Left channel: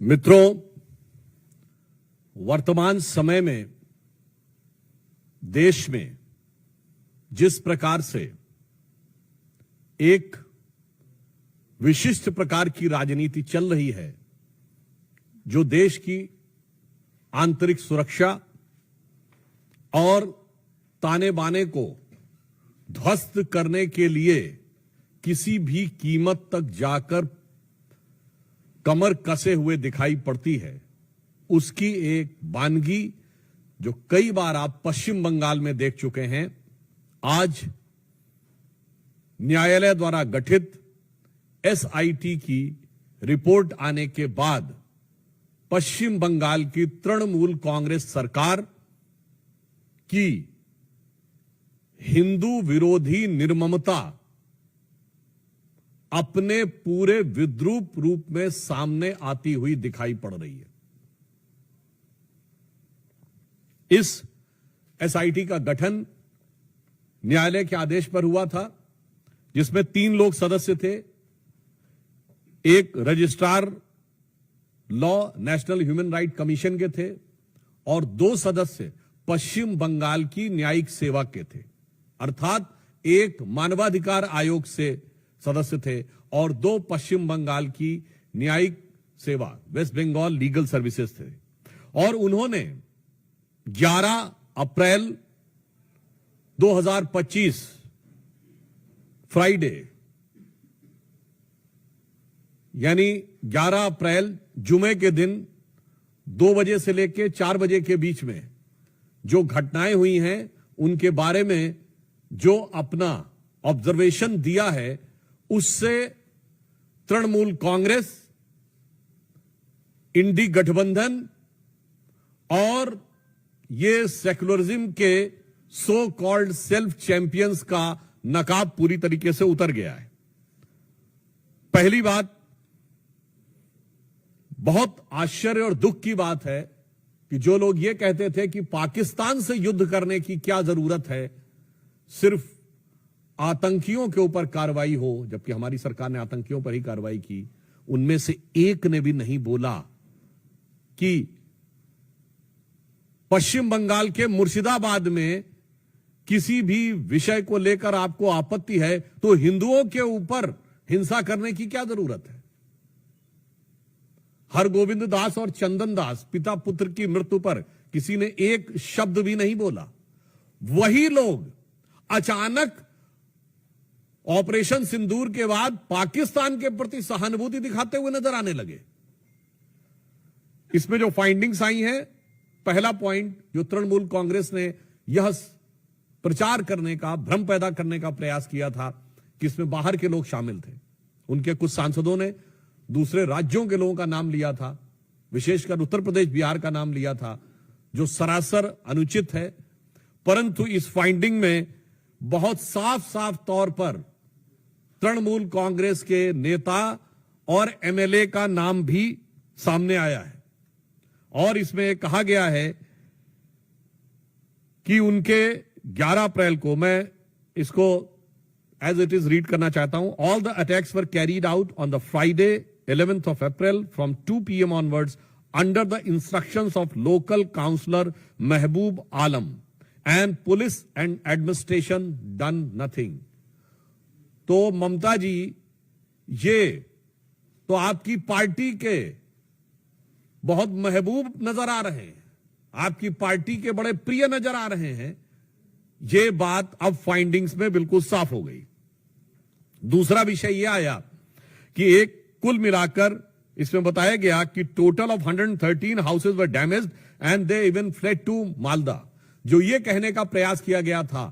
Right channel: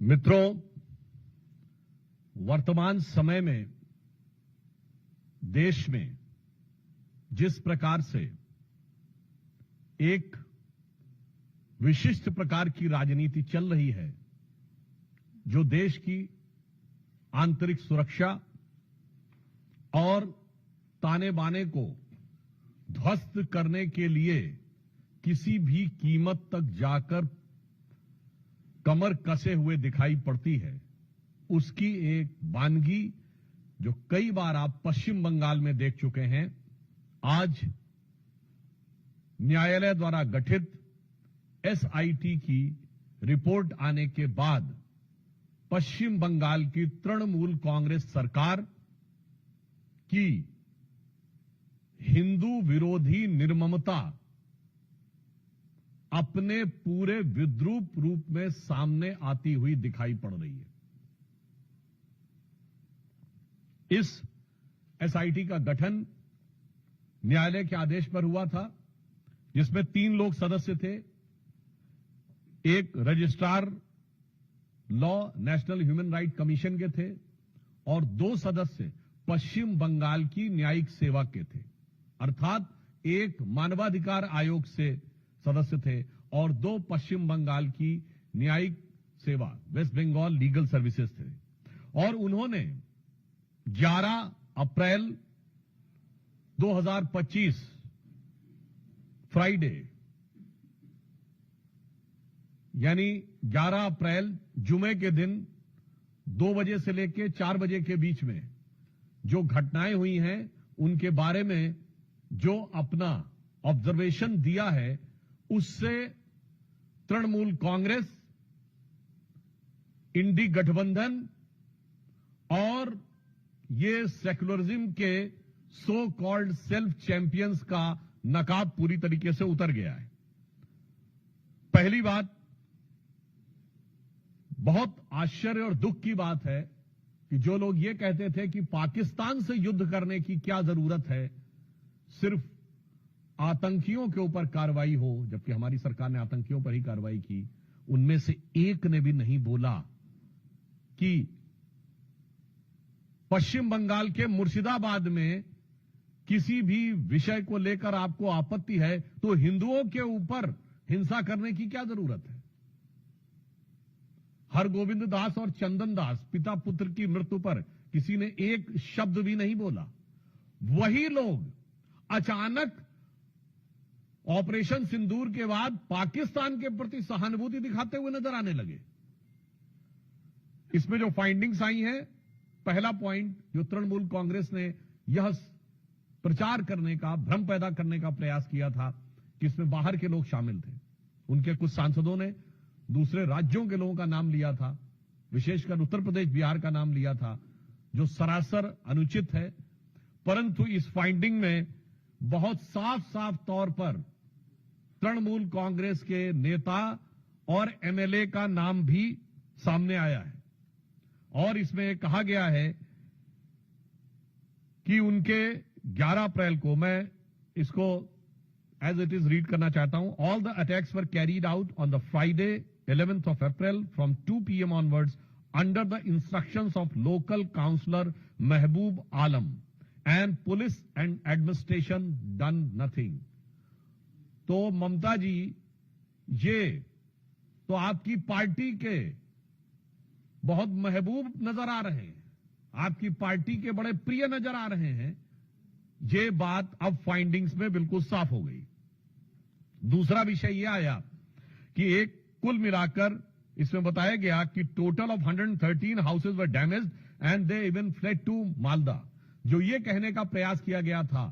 मित्रों, वर्तमान समय में देश में जिस प्रकार से एक विशिष्ट प्रकार की राजनीति चल रही है, जो देश की आंतरिक सुरक्षा और ताने बाने को ध्वस्त करने के लिए किसी भी कीमत तक जाकर कमर कसे हुए दिखाई पड़ती है, उसकी एक वानगी जो कई बार आप पश्चिम बंगाल में देख चुके हैं। आज न्यायालय द्वारा गठित एसआईटी की रिपोर्ट आने के बाद पश्चिम बंगाल की तृणमूल कांग्रेस सरकार की हिंदू विरोधी निर्ममता अपने पूरे विद्रूप रूप में सामने आती हुई दिखाई पड़ रही है। इस एसआईटी का गठन न्यायालय के आदेश पर हुआ था, जिसमें 3 लोग सदस्य थे। एक registrar law national human right commission के थे और 2 सदस्य पश्चिम बंगाल की न्यायिक सेवा के थे, अर्थात एक मानवाधिकार आयोग से सदस्य थे और 2 पश्चिम बंगाल की न्यायिक सेवा वेस्ट बंगाल लीगल सर्विसेज थे। और उन्होंने 11 अप्रैल 2025 फ्राइडे यानी 11 अप्रैल जुमे के दिन 2 बजे से लेकर 4 बजे के बीच में जो घटनाएं हुई हैं, उनके बारे में जो अपना ऑब्जर्वेशन दिया है, उससे तृणमूल कांग्रेस, इंडी गठबंधन और ये सेक्युलरिज्म के सो कॉल्ड सेल्फ चैंपियंस का नकाब पूरी तरीके से उतर गया है। पहली बात, बहुत आश्चर्य और दुख की बात है कि जो लोग ये कहते थे कि पाकिस्तान से युद्ध करने की क्या जरूरत है, सिर्फ आतंकियों के ऊपर कार्रवाई हो, जबकि हमारी सरकार ने आतंकियों पर ही कार्रवाई की, उनमें से एक ने भी नहीं बोला कि पश्चिम बंगाल के मुर्शिदाबाद में किसी भी विषय को लेकर आपको आपत्ति है तो हिंदुओं के ऊपर हिंसा करने की क्या जरूरत है। हरगोविंद दास और चंदन दास पिता पुत्र की मृत्यु पर किसी ने एक शब्द भी नहीं बोला। वही लोग अचानक ऑपरेशन सिंदूर के बाद पाकिस्तान के प्रति सहानुभूति दिखाते हुए नजर आने लगे। इसमें जो फाइंडिंग्स आई हैं, पहला पॉइंट जो तृणमूल कांग्रेस ने यह प्रचार करने का, भ्रम पैदा करने का प्रयास किया था कि इसमें बाहर के लोग शामिल थे। उनके कुछ सांसदों ने दूसरे राज्यों के लोगों का नाम लिया था, विशेषकर उत्तर प्रदेश, बिहार का नाम लिया था, जो सरासर अनुचित है। परंतु इस फाइंडिंग में बहुत साफ साफ तौर पर तृणमूल कांग्रेस के नेता और एमएलए का नाम भी सामने आया है। और इसमें कहा गया है कि उनके 11 अप्रैल को, मैं इसको एज इट इज रीड करना चाहता हूं। All the attacks were carried out on the Friday 11th of April from 2 PM onwards under the instructions of local councillor Mehboob Alam, and police and administration done nothing। तो ममता जी, ये तो आपकी party के बहुत महबूब नजर आ रहे हैं, आपकी पार्टी के बड़े प्रिय नजर आ रहे हैं। ये बात अब फाइंडिंग्स में बिल्कुल साफ हो गई। दूसरा विषय यह आया कि एक कुल मिलाकर इसमें बताया गया कि total of 113 houses were damaged and they even fled to Malda. जो ये कहने का प्रयास किया गया था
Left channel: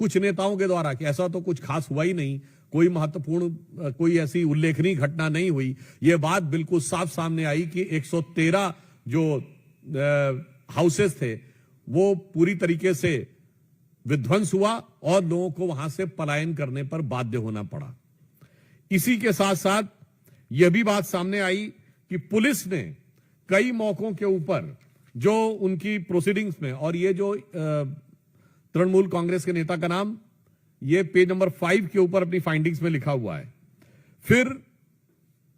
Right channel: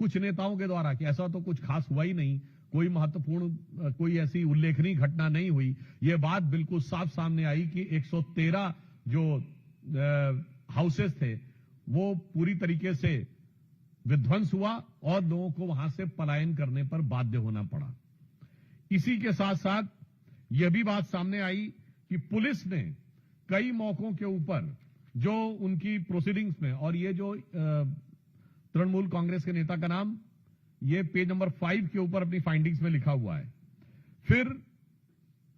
कुछ नेताओं के द्वारा कि ऐसा तो कुछ खास हुआ ही नहीं, कोई महत्वपूर्ण, कोई ऐसी उल्लेखनीय घटना नहीं हुई, ये बात बिल्कुल साफ सामने आई कि 113 जो हाउसेस थे वो पूरी तरीके से विध्वंस हुआ और लोगों को वहां से पलायन करने पर बाध्य होना पड़ा। इसी के साथ साथ यह भी बात सामने आई कि पुलिस ने कई मौकों के ऊपर जो उनकी प्रोसीडिंग्स में, और ये जो तृणमूल कांग्रेस के नेता का नाम ये पेज नंबर 5 के ऊपर अपनी फाइंडिंग्स में लिखा हुआ है। फिर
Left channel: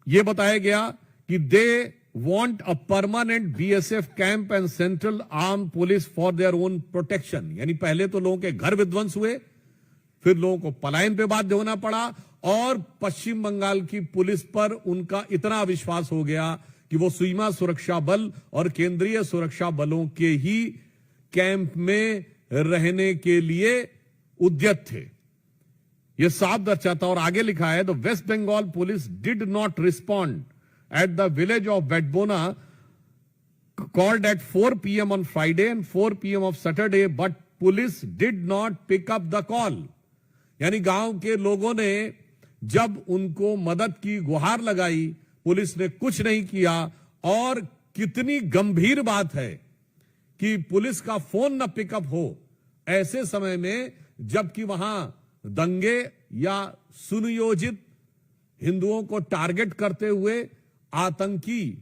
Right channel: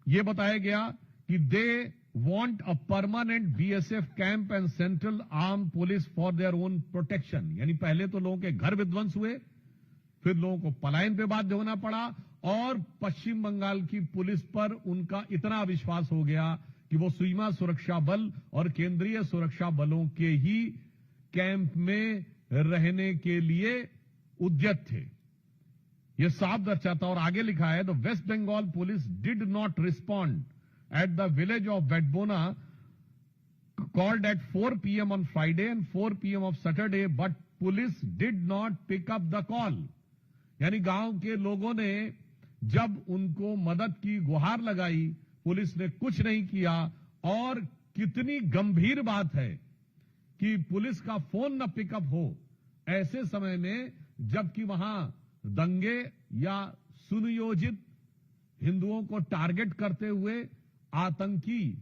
यह बताया गया कि दे want a permanent BSF camp and central armed police for their own protection. यानी पहले तो लोगों के घर विध्वंस हुए, फिर लोगों को पलायन पे बाध्य होना पड़ा, और पश्चिम बंगाल की पुलिस पर उनका इतना विश्वास हो गया कि वो सीमा सुरक्षा बल और केंद्रीय सुरक्षा बलों के ही कैंप में रहने के लिए उद्यत थे। यह साफ दर्शाता, और आगे लिखा है, the West Bengal police did not respond at the village of Bedbona called at 4 p.m. on Friday and 4 p.m. of Saturday, but police did not pick up the call. यानी गांव के लोगों ने जब उनको मदद की गुहार लगाई, पुलिस ने कुछ नहीं किया। और कितनी गंभीर बात है कि पुलिस का फोन न पिकअप हो ऐसे समय में, जबकि वहां दंगे या सुनियोजित हिंदुओं को टारगेट करते हुए आतंकी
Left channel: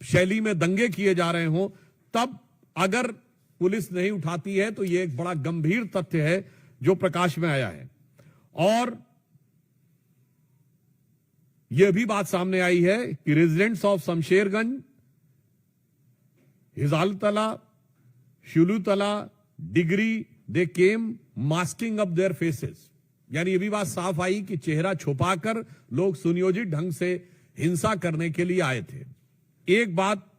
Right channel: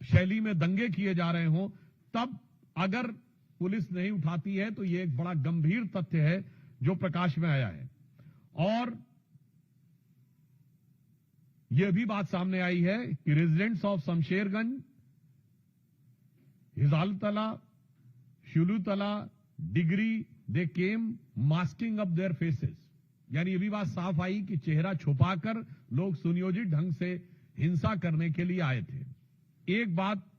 शैली में दंगे किए जा रहे हों, तब अगर पुलिस नहीं उठाती है तो यह एक बड़ा गंभीर तथ्य है जो प्रकाश में आया है। और यह भी बात सामने आई है कि रेजिडेंट्स ऑफ शमशेरगंज, हिजालतला, शुलूतला, डिग्री, they came masking up their faces. यानी यह भी बात साफ आई कि चेहरा छुपाकर लोग सुनियोजित ढंग से हिंसा करने के लिए आए थे। एक बात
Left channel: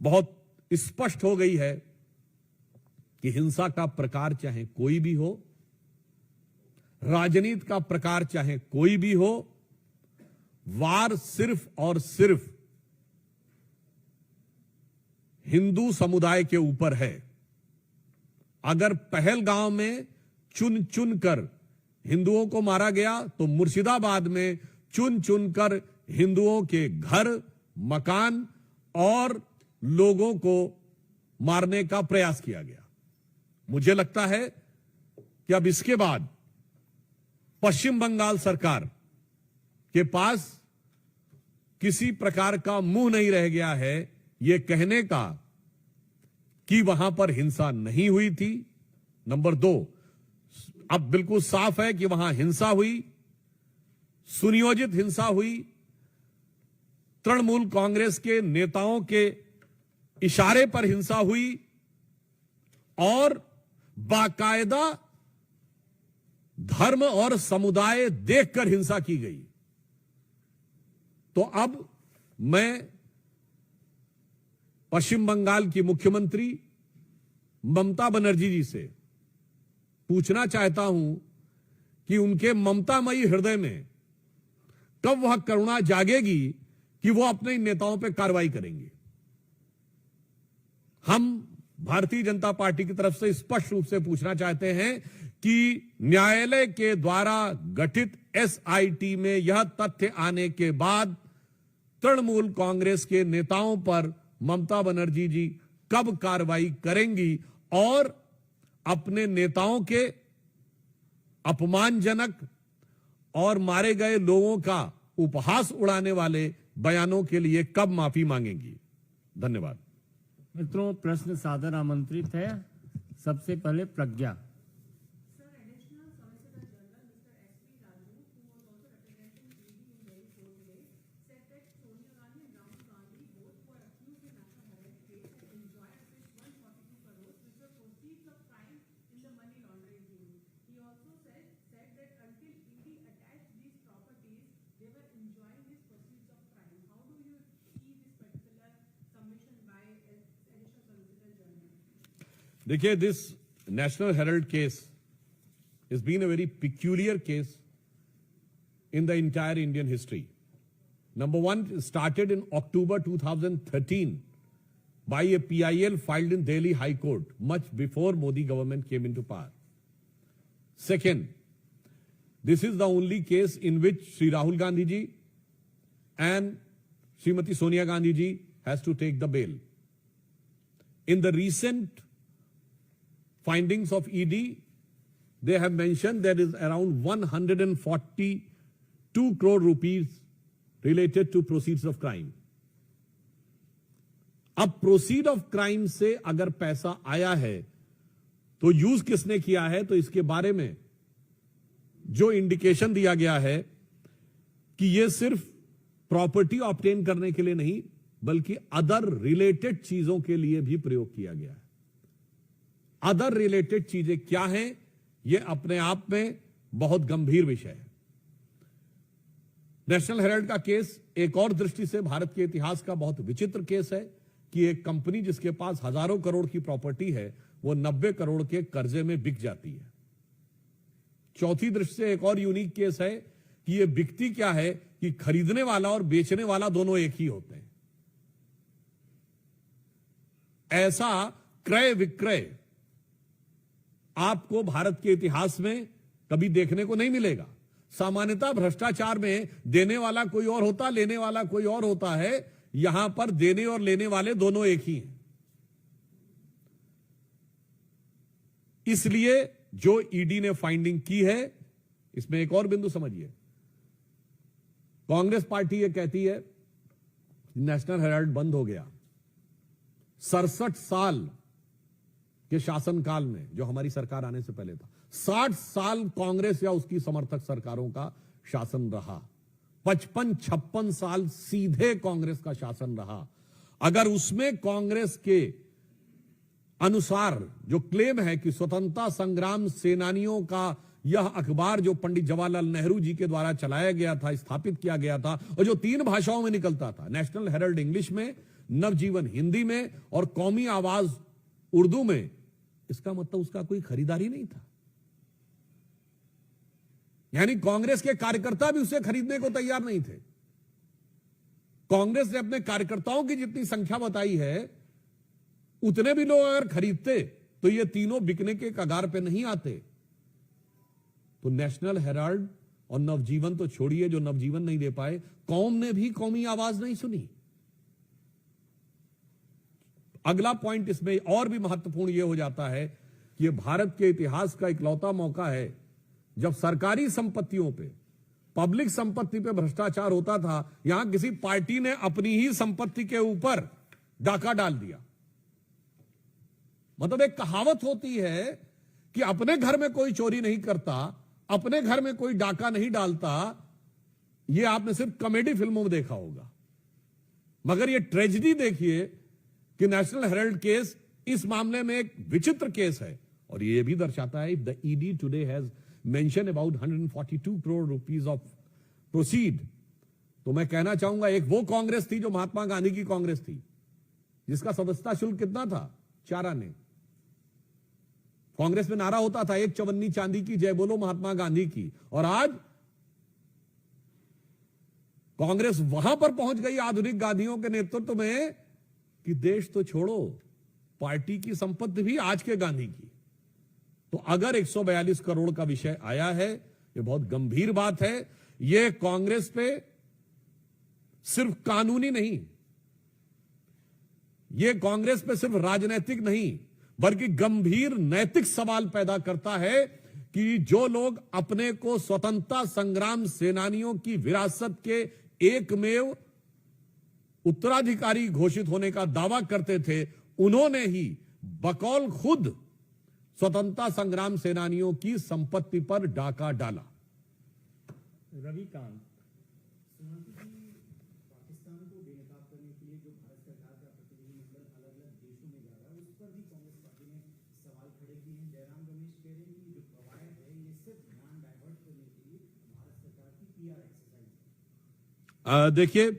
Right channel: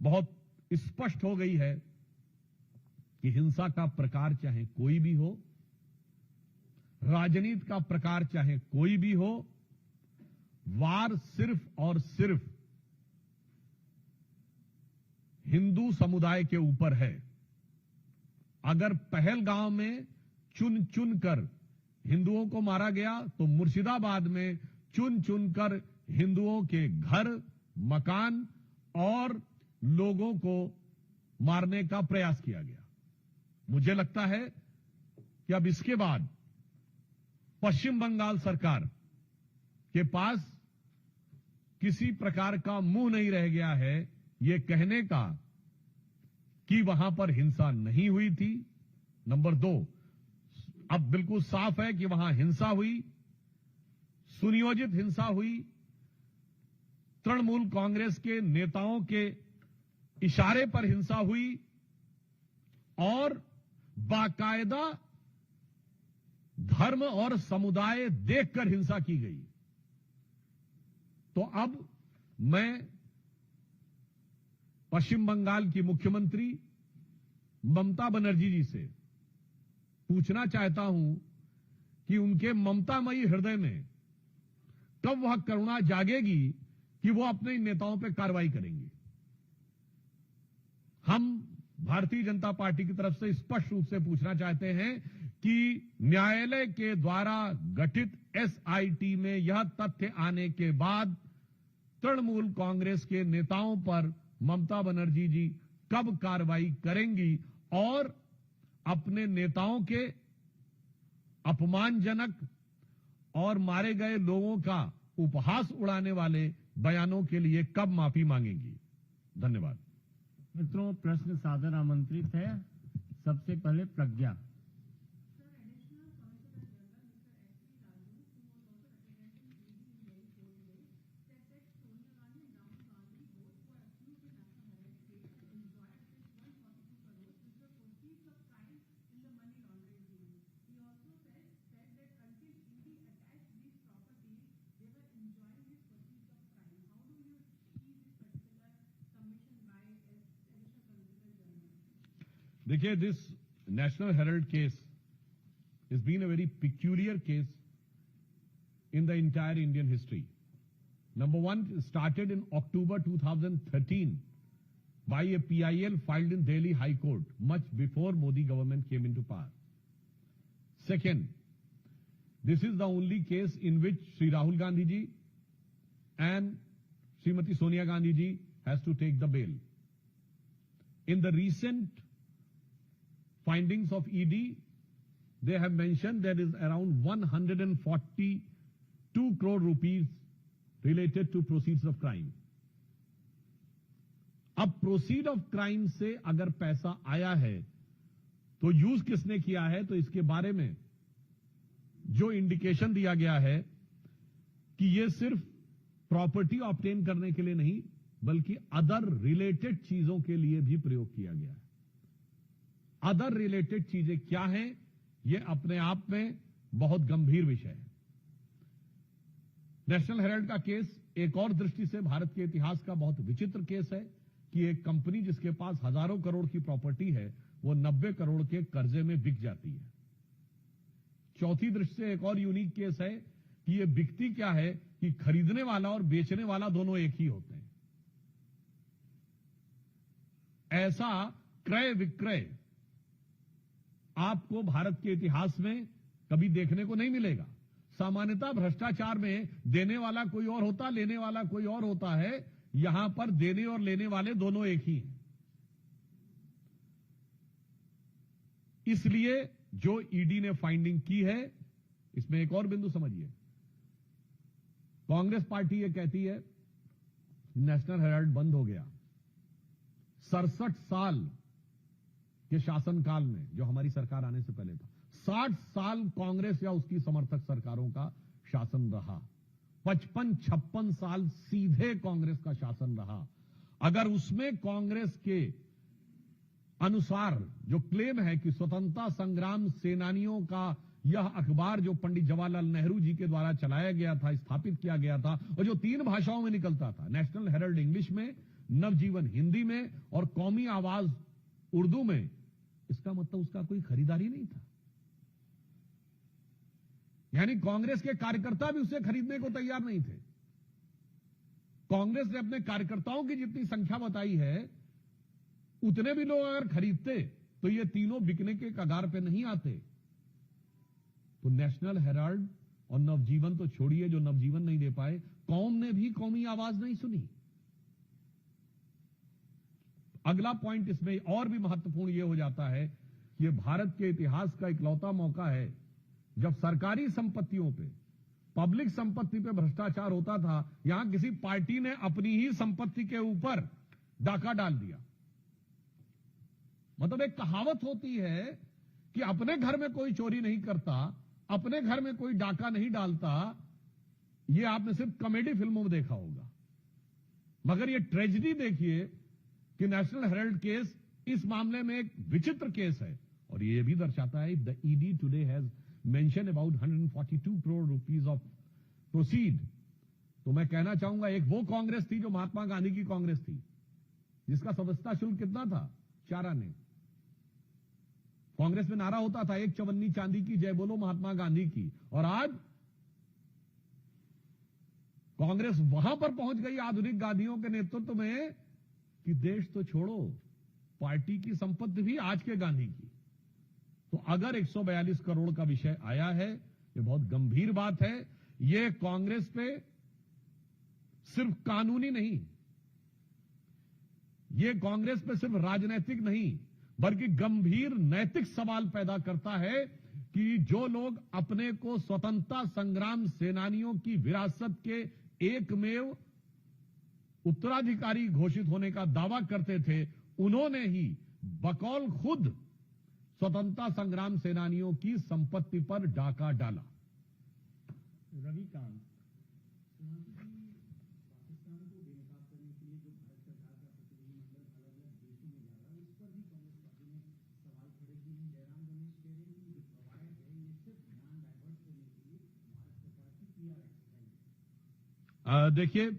बहुत स्पष्ट हो गई है कि हिंसा का प्रकार चाहे कोई भी हो, राजनीति का प्रकार चाहे कोई भी हो, वार सिर्फ और सिर्फ हिंदू समुदाय के ऊपर है। अगर पहलगांव में चुन चुन कर हिंदुओं को मारा गया, तो मुर्शिदाबाद में चुन चुनकर हिंदुओं के घर, मकान और लोगों को मारने का प्रयास किया गया। मुझे लगता है कि अब इसके बाद पश्चिम बंगाल सरकार के पास किसी प्रकार का मुंह नहीं रह गया है यह कहने का कि वहां पर हिंसा नहीं हुई थी। नंबर 2, अब बिल्कुल साफ है कि वहां हिंसा हुई, सुनियोजित हिंसा हुई, तृणमूल कांग्रेस के नेताओं के इशारे पर हिंसा हुई और बाकायदा धर्म और समुदाय देखकर हिंसा की गई। तो अब मैं पश्चिम बंगाल की मुख्यमंत्री ममता बनर्जी जी से पूछना चाहता हूं कि उनके ममतामयी हृदय में कब वह करुणा जागेगी कि वो अपने नेताओं पर कार्रवाई करेंगे। हम भारतीय जनता पार्टी की तरफ से स्पष्ट रूप से पूछना चाहते हैं कि न्यायालय के द्वारा गठित एसआईटी में यह तथ्य आने के बाद तृणमूल कांग्रेस के नेताओं पर ममता बनर्जी जी कब कार्रवाई करेंगी और अपने नेताओं के अपमानजनक और मारे गए लोगों का उपहास उड़ाने वाले बयानों के लिए कब माफी मांगेंगी। धन्यवाद। मित्रों, प्रश्न सादर आमंत्रित है। सबसे पहले प्रज्ञा। देखिए, this national Herald case has been a very peculiar case in the entire Indian history. Number one, it started in October 2013 by a PIL filed in Delhi High Court, much before Modi government came into power. Second, this is the only case in which Sri Rahul Gandhi ji and Srimati Sonia Gandhi ji has to take the bail. In the recent findings of ED, they have mentioned there is around 142 crore rupees related to proceeds of crime. अब proceed of crime से अगर पैसा आया है तो use किसने किया है, तो इसके बारे में जो इंडिकेशन दिया गया है कि यह सिर्फ प्रॉपर्टी ऑब्टेन करने के लिए नहीं, बल्कि अदर रिलेटेड चीजों के लिए भी प्रयोग किया गया है। अदर रिलेटेड चीजें क्या हैं, यह अपने आप में बहुत गंभीर विषय है। नेशनल हेराल्ड का केस एक और दृष्टि से भारत के इतिहास का बहुत विचित्र केस है कि एक कंपनी जिसके पास हजारों करोड़ की प्रॉपर्टी है, वो 90 करोड़ के कर्जे में बिक जाती है। चौथी दृष्टि से एक और यूनिक केस है कि ये बिकती क्या है कि खरीदने वाला और बेचने वाला दोनों एक ही होते हैं। ऐसा क्रय विक्रय आपको भारत के इतिहास में कभी देखने को नहीं मिलेगा। सामान्यतः भ्रष्टाचार में देने वाला कोई और होता, लेने वाला कोई और होता है। यहां पर देने और लेने वाले दोनों एक ही हैं। इसलिए जो ईडी ने फाइंडिंग की है, इसमें एक और बिंदु समझिए। कांग्रेस पार्टी ये कहती है नेशनल हेराल्ड बंद हो गया। 67 साल के शासनकाल में, जो हमारी सरकार आने से पहले था, 60 साल कांग्रेस या उसकी समर्थक सरकारों का शासन रहा। 55-56 साल सीधे कांग्रेस का शासन रहा। अगर उसमें कांग्रेस के अनुसार जो क्लेम है कि स्वतंत्रता संग्राम सेनानियों का यह अखबार जो पंडित जवाहरलाल नेहरू जी के द्वारा चलाया गया था, स्थापित किया गया था, और जो 3 भाषाओं में निकलता था, नेशनल हेराल्ड इंग्लिश में, नवजीवन हिंदी में और कौमी आवाज उर्दू में, इसका मतलब उसका कोई खरीदारी नहीं था। यानी कांग्रेस के कार्यकर्ता भी उसे खरीदने को तैयार नहीं थे। कांग्रेस ने अपने कार्यकर्ताओं की जितनी संख्या बताई है, उतने भी लोग अगर खरीदते तो ये तीनों बिकने के कगार पे नहीं आते। तो नेशनल हेराल्ड और नवजीवन तो छोड़िए, जो नवजीवन नहीं दे पाए, कौम ने भी कौमी आवाज नहीं सुनी। अगला पॉइंट इसमें और भी महत्वपूर्ण यह हो जाता है कि यह भारत के इतिहास का इकलौता मौका है जब सरकारी संपत्तियों पे, पब्लिक संपत्ति पे भ्रष्टाचार होता था। यहां किसी पार्टी ने अपनी ही संपत्ति के ऊपर डाका डाल दिया। मतलब एक कहावत होती है कि अपने घर में कोई चोरी नहीं करता, अपने घर में कोई डाका नहीं डालता। यह आपने सिर्फ कॉमेडी फिल्मों में देखा होगा, मगर यह ट्रेजेडी देखिए कि नेशनल हेराल्ड केस इस मामले में एक विचित्र केस है। और यह भी दर्शाता है the ED today has mention about 142 crore rupees of proceed. तो मैं कहना चाहूंगा, एक वो कांग्रेस थी जो महात्मा गांधी की कांग्रेस थी, जिसका सदस्यता शुल्क कितना था? 4 आने। कांग्रेस में नारा होता था, 1 चवन्नी चांदी की, जय बोलो महात्मा गांधी की। और आज कांग्रेस वहां पर पहुंच गई आधुनिक गांधियों के नेतृत्व में कि देश तो छोड़ो, पार्टी की संपत्ति भी आज के गांधी की। तो अगर 142 करोड़ का विषय आया है, यह बहुत गंभीर बात है। यह कांग्रेस पे सिर्फ कानूनी नहीं, यह कांग्रेस पे सिर्फ राजनीतिक नहीं, बल्कि गंभीर नैतिक सवाल पैदा करता है कि जो लोग अपने को स्वतंत्रता संग्राम सेनानियों की विरासत के एकमेव उत्तराधिकारी घोषित होने का दावा करते थे, उन्होंने ही बकौल खुद स्वतंत्रता संग्राम सेनानियों की संपत्ति पर डाका डाला। रविकांत, देखिए,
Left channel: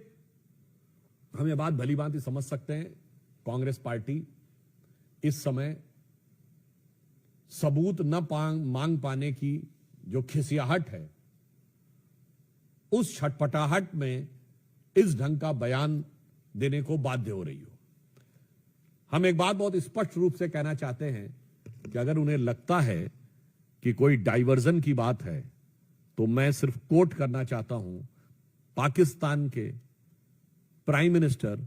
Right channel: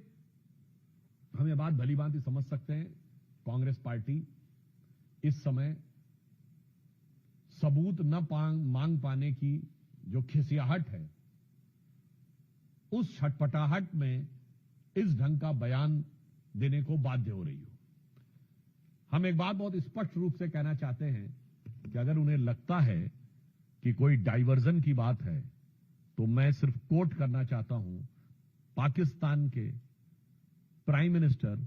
हम ये बात भली भांति समझ सकते हैं, कांग्रेस पार्टी इस समय सबूत न मांग पाने की जो खिसियाहट है, उस छटपटाहट में इस ढंग का बयान देने को बाध्य हो रही हो। हम एक बात बहुत स्पष्ट रूप से कहना चाहते हैं कि अगर उन्हें लगता है कि कोई डाइवर्जन की बात है, तो मैं सिर्फ कोट करना चाहता हूं पाकिस्तान के प्राइम मिनिस्टर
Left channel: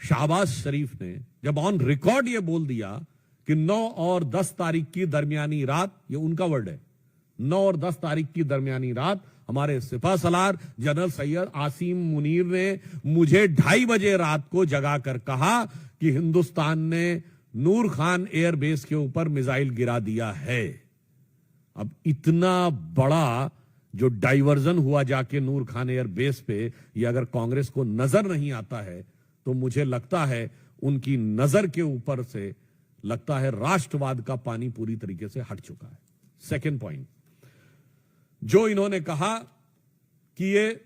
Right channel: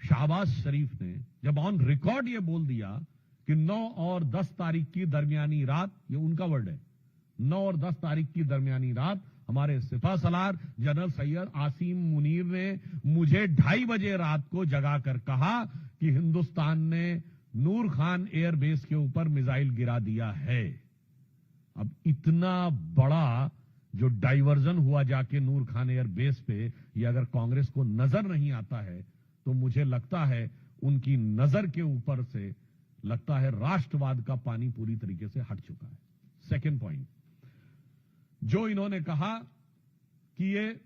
शहबाज शरीफ ने जब ऑन रिकॉर्ड यह बोल दिया कि 9 और 10 तारीख की दरमियानी रात, ये उनका वर्ड है, 9 और 10 तारीख की दरमियानी रात हमारे सिपह सलार जनरल सैयद आसिम मुनीर ने मुझे 2:30 बजे रात को जगा कर कहा कि हिंदुस्तान ने नूर खान एयरबेस के ऊपर मिसाइल गिरा दिया है। अब इतना बड़ा जो डाइवर्जन हुआ जाके नूर खान एयरबेस पे, ये अगर कांग्रेस को नजर नहीं आता है, तो मुझे लगता है उनकी नजर के ऊपर से लगता है राष्ट्रवाद का पानी पूरी तरीके से हट चुका है। सेकंड पॉइंट, जो इन्होंने कहा कि ये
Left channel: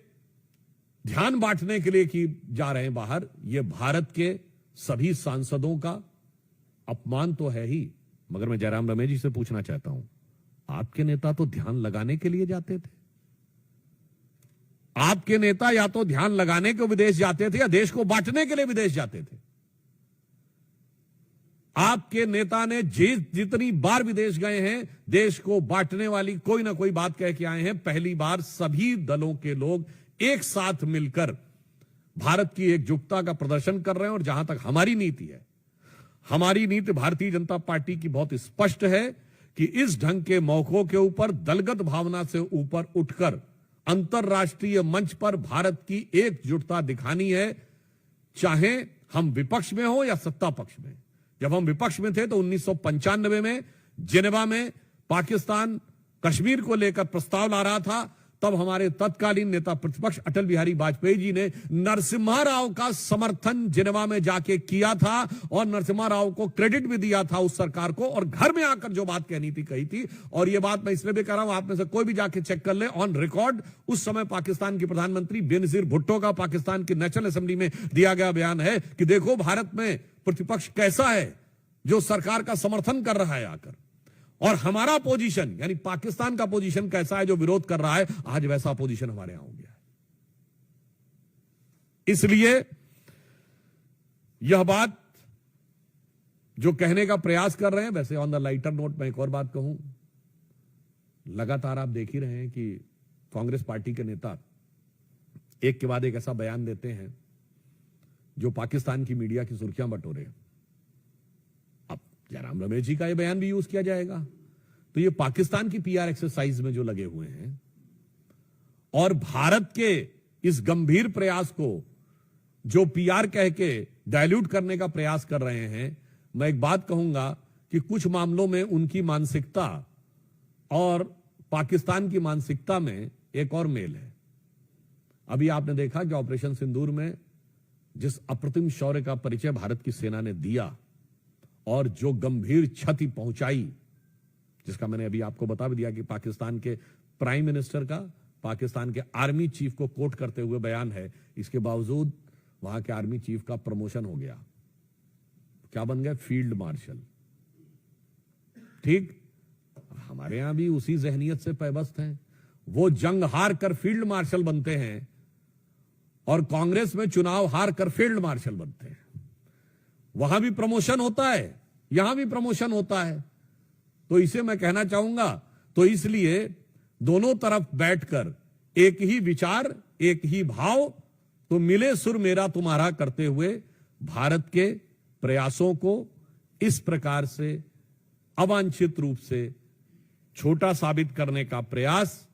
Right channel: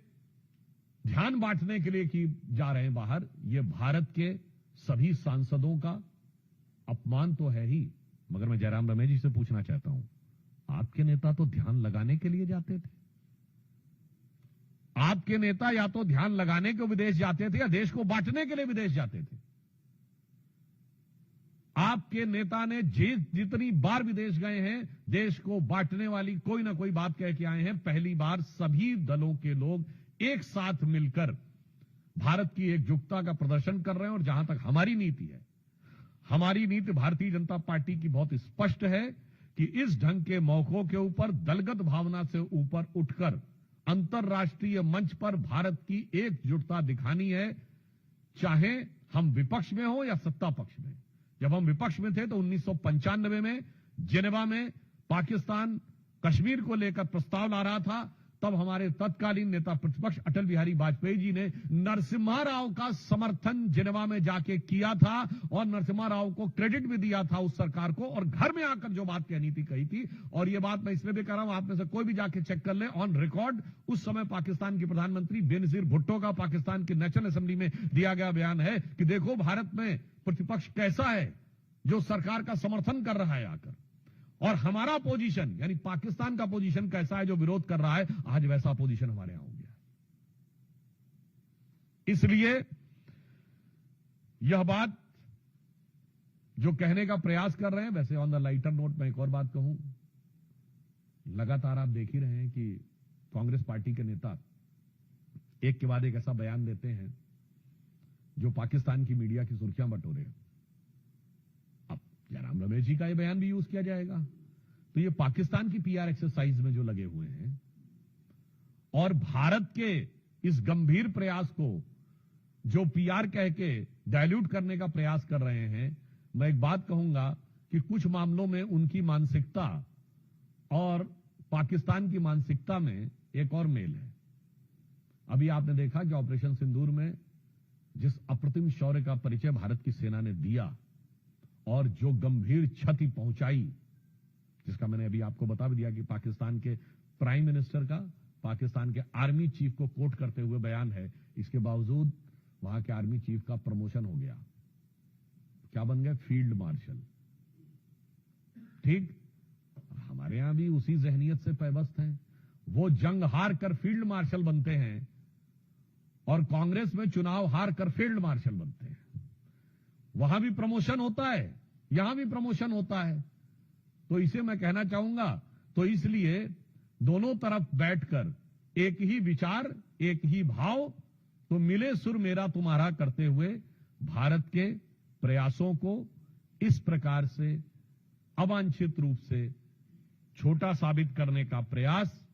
ध्यान बांटने के लिए कि जा रहे हैं बाहर, ये भारत के सभी सांसदों का अपमान तो है ही, मगर मैं जयराम रमेश जी से पूछना चाहता हूं, आपके नेता तो ध्यान लगाने के लिए जाते थे। आपके नेता या तो ध्यान लगाने को विदेश जाते थे या देश को बांटने के लिए विदेश जाते थे। आपके नेता ने जितनी बार विदेश गए हैं, देश को बांटने वाली कोई ना कोई बात कह के आए हैं। पहली बार सभी दलों के लोग एक साथ मिलकर भारत की एकजुटता का प्रदर्शन कर रहे हैं। और जहां तक हमारी नीति है, हमारी नीति भारतीय जनता पार्टी की बहुत स्पष्ट है कि इस ढंग के मौकों के ऊपर दलगत भावना से ऊपर उठकर अंतर्राष्ट्रीय मंच पर भारत की एकजुटता दिखानी है, चाहे हम विपक्ष में हो या सत्ता पक्ष में। जब हम विपक्ष में थे तो 1995 में जिनेवा में पाकिस्तान कश्मीर को लेकर प्रस्ताव ला रहा था, तब हमारे तत्कालीन नेता प्रतिपक्ष अटल बिहारी वाजपेयी जी ने नरसिम्हा राव का समर्थन जिनेवा में जाके किया था और नरसिम्हा राव को क्रेडिट भी दिया था उस सरकार को, और घर में आकर जो बात कहनी थी कही थी। और ये बात मैं इसलिए भी कह रहा हूं, आप में से कोई भी जाके चेक कर ले, ऑन रिकॉर्ड उस समय पाकिस्तान के प्रधानमंत्री बेनजीर भुट्टो का पाकिस्तान की नेशनल असेंबली में दिया गया बयान है कि देखो भारत में प्रतिपक्ष कैसा है जो सरकार का समर्थन कर रहा है आकर, और हमारा पोजीशन यानी पाकिस्तान का पोजीशन कैसा है जो विरोध कर रहा है। आज वैसा पोजीशन हमारे यहां हो गया है। इसलिए यह बात जो कहने का प्रयास कर रहे हैं, वैसे ऑन द लाइटर नोट मैं एक और बात कहूं, लगातार आप देख ही रहे हैं कि कांग्रेस पार्टी के नेता एक के बाद एक ऐसा बयान देते हैं जो पाकिस्तान की मीडिया की सुर्खियां बटोरे। अब जयराम रमेश जी का यह बयान भी यूज किया जाएगा, तो ये पाकिस्तान की पीआर एक्सरसाइज में जो लगे हुए हैं और भारत के इस गंभीर प्रयास को जो पीआर कह के डायल्यूट करने का प्रयास कर रहे हैं, मैं एक बात कहूंगा कि कुछ मामलों में उनकी मानसिकता और पाकिस्तान की मानसिकता में एक और मेल है। अभी आपने देखा कि ऑपरेशन सिंदूर में जिस अप्रतिम शौर्य का परिचय भारत की सेना ने दिया और जो गंभीर क्षति पहुंचाई, जिसका मैंने अभी आपको बता भी दिया कि पाकिस्तान के प्राइम मिनिस्टर का पाकिस्तान के आर्मी चीफ को कोट करते हुए बयान है, इसके बावजूद वहां के आर्मी चीफ का प्रमोशन हो गया, क्या बन गया? Field marshal. ठीक, हमारे यहां भी उसी जहनियत से पैबस्त हैं। वो जंग हार कर फील्ड मार्शल बनते हैं और कांग्रेस में चुनाव हार कर फील्ड मार्शल बनते हैं। वहां भी प्रमोशन होता है, यहां भी प्रमोशन होता है। तो इसे मैं कहना चाहूंगा, तो इसलिए दोनों तरफ बैठकर एक ही विचार, एक ही भाव, तो मिले सुर मेरा तुम्हारा करते हुए भारत के प्रयासों को इस प्रकार से अवांछित रूप से छोटा साबित करने का प्रयास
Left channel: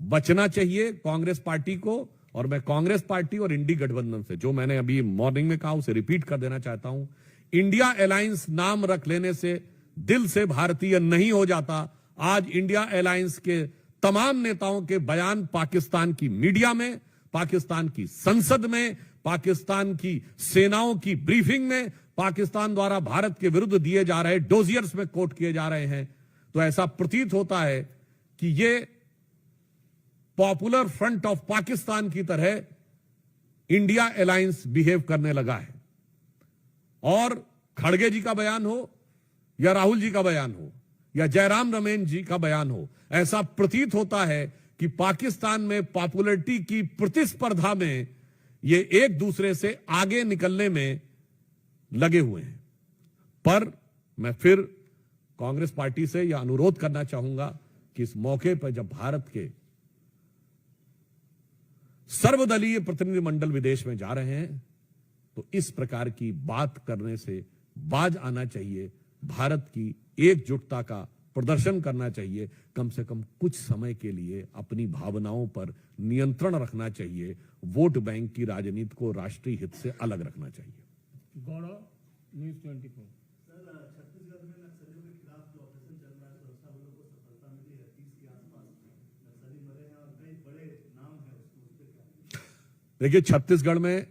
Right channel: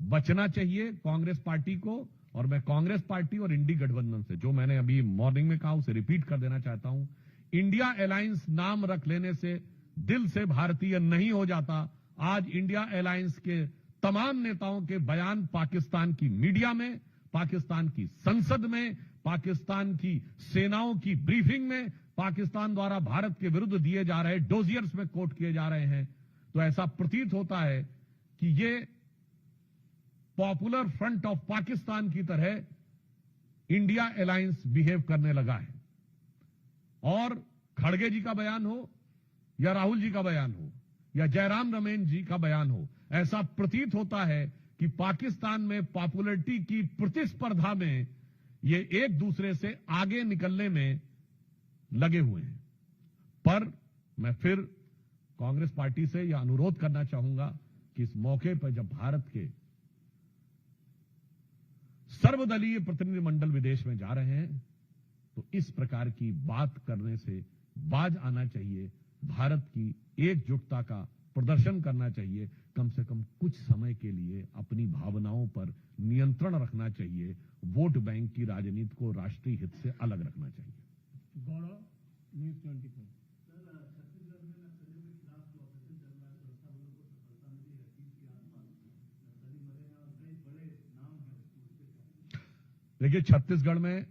बचना चाहिए कांग्रेस पार्टी को। और मैं कांग्रेस पार्टी और इंडी गठबंधन से, जो मैंने अभी मॉर्निंग में कहा, उसे रिपीट कर देना चाहता हूं। इंडिया अलायंस नाम रख लेने से दिल से भारतीय नहीं हो जाता। आज इंडिया अलायंस के तमाम नेताओं के बयान पाकिस्तान की मीडिया में, पाकिस्तान की संसद में, पाकिस्तान की सेनाओं की ब्रीफिंग में, पाकिस्तान द्वारा भारत के विरुद्ध दिए जा रहे डोजियर्स में कोट किए जा रहे हैं। तो ऐसा प्रतीत होता है कि ये पॉपुलर फ्रंट ऑफ पाकिस्तान की तरह इंडिया अलायंस बिहेव करने लगा है। और खड़गे जी का बयान हो या राहुल जी का बयान हो या जयराम रमेश जी का बयान हो, ऐसा प्रतीत होता है कि पाकिस्तान में पॉपुलरिटी की प्रतिस्पर्धा में ये एक दूसरे से आगे निकलने में लगे हुए हैं। पर मैं फिर कांग्रेस पार्टी से यह अनुरोध करना चाहूंगा कि इस मौके पर जब भारत के सर्वदलीय प्रतिनिधिमंडल विदेश में जा रहे हैं, तो इस प्रकार की बात करने से बाज आना चाहिए। भारत की एकजुटता का प्रदर्शन करना चाहिए। कम से कम कुछ समय के लिए अपनी भावनाओं पर नियंत्रण रखना चाहिए। वोट बैंक की राजनीति को राष्ट्रीय हित से अलग रखना चाहिए। गौरव, न्यूज़ 24। देखिए, छत्तीसगढ़ में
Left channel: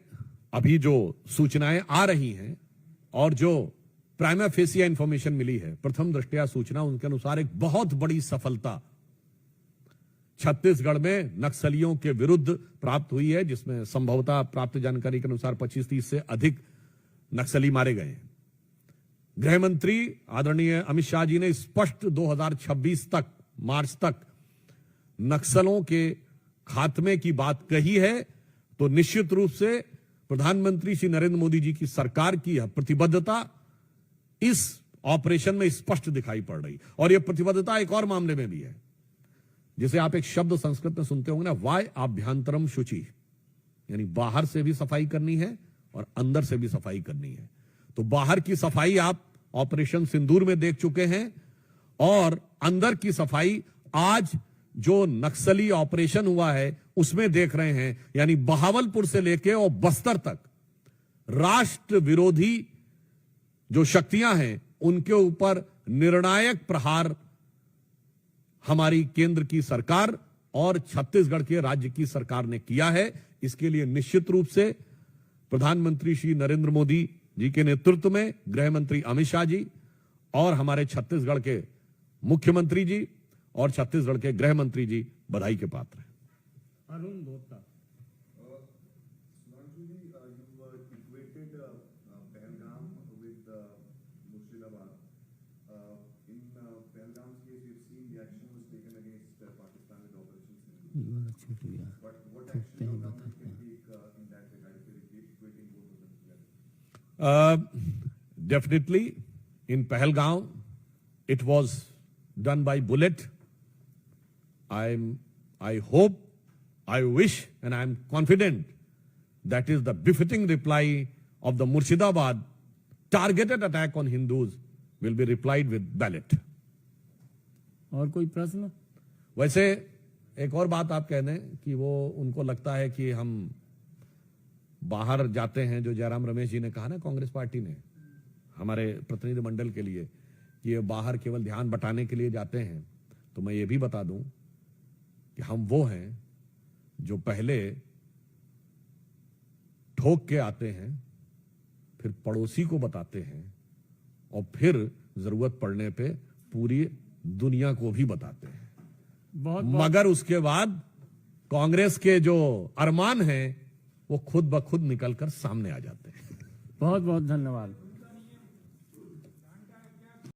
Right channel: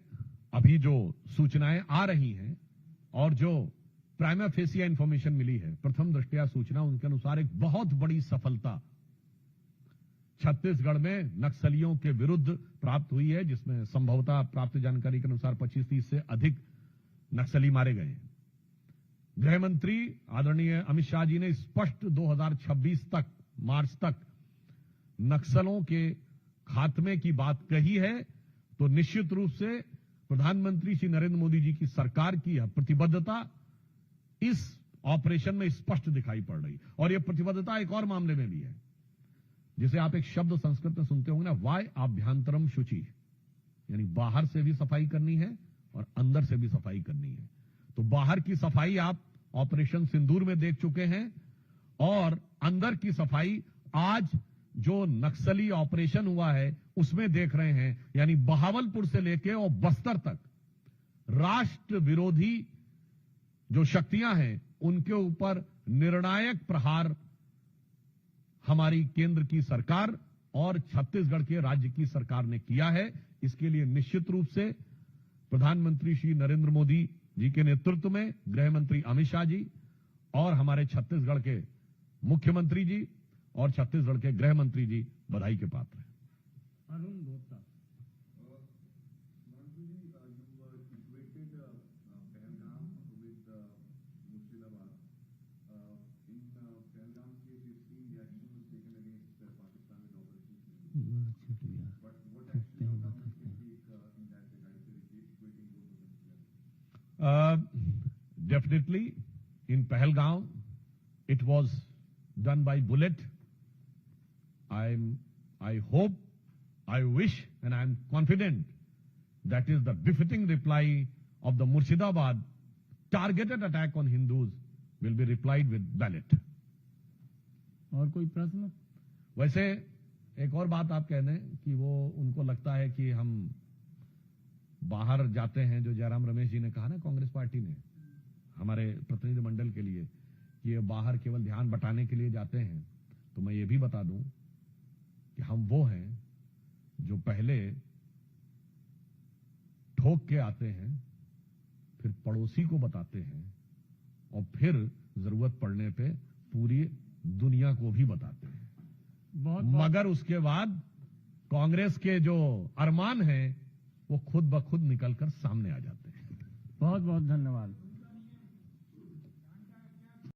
अभी जो सूचनाएं आ रही हैं और जो प्राइमा फेसिया इंफॉर्मेशन मिली है, प्रथम दृष्टया सूचना उनके अनुसार एक बहुत बड़ी सफलता छत्तीसगढ़ में नक्सलियों के विरुद्ध प्राप्त हुई है, जिसमें संभवतः प्राप्त जानकारी के अनुसार 25-30 से अधिक नक्सली मारे गए हैं। गृह मंत्री आदरणीय अमित शाह जी ने स्पष्ट 2026 तक, मार्च तक नक्सलों के खात्मे की बात कही है, तो निश्चित रूप से प्रधानमंत्री श्री नरेंद्र मोदी जी की सरकार की यह प्रतिबद्धता इस ऑपरेशन में स्पष्ट दिखाई पड़ रही। और यह प्रतिबद्धता एक और मामले में भी है, जिसे आप एक शब्द संस्कृत में सुनते होंगे ना, वाय आभ्यंतरम शुचि, यानी बाहर से भी सफाई करनी है और अंदर से भी सफाई करनी है। तो बाहर की सफाई आप ऑपरेशन सिंदूर में देख चुके हैं, और अंदर की सफाई आज जो नक्सली ऑपरेशन हुआ है उसमें देख रहे हैं। यानी बहावलपुर से लेके और बस्तर तक राष्ट्र विरोधी जो शक्तियां हैं उनके ऊपर निर्णायक प्रहार हमारी केंद्र की सरकार और छत्तीसगढ़ के राज्य की सरकार ने किया है। इसके लिए निश्चित रूप से प्रधानमंत्री श्री नरेंद्र मोदी जी के नेतृत्व में गृह मंत्री अमित शाह जी और हमारे छत्तीसगढ़ के मुख्यमंत्री जी और छत्तीसगढ़ के गृह मंत्री जी बधाई के पात्र हैं। अरुण बोता। Definitely, in Pahalgaon, it was done by bullet. I hope, I wish, and I am confident that is the befitting reply of the Murshidabad targeted attack on Hindus will be replied with ballot. और कोई प्रश्न? वैसे एक और बात आप कह दें कि वो उनको लगता है कि हम बाहर जाते हैं, जो जयराम रमेश जी ने कहा ना कांग्रेस पार्टी ने हमारे प्रतिनिधि मंडल के लिए कि ये बाहर केवल ध्यान बटाने के लिए जाते हैं, तो मैं ये भी बता दूं कि हम वो हैं जो पहले ठोक के आते हैं, फिर पड़ोसी को बताते हैं और फिर जरूरत पड़ने पे पूरी दुनिया को भी बताते हैं। मगर उसके बाद कांग्रेस के जो अरमान हैं वो खुद ब खुद निकलकर सामने आ जाते हैं। बहुत बहुत धन्यवाद।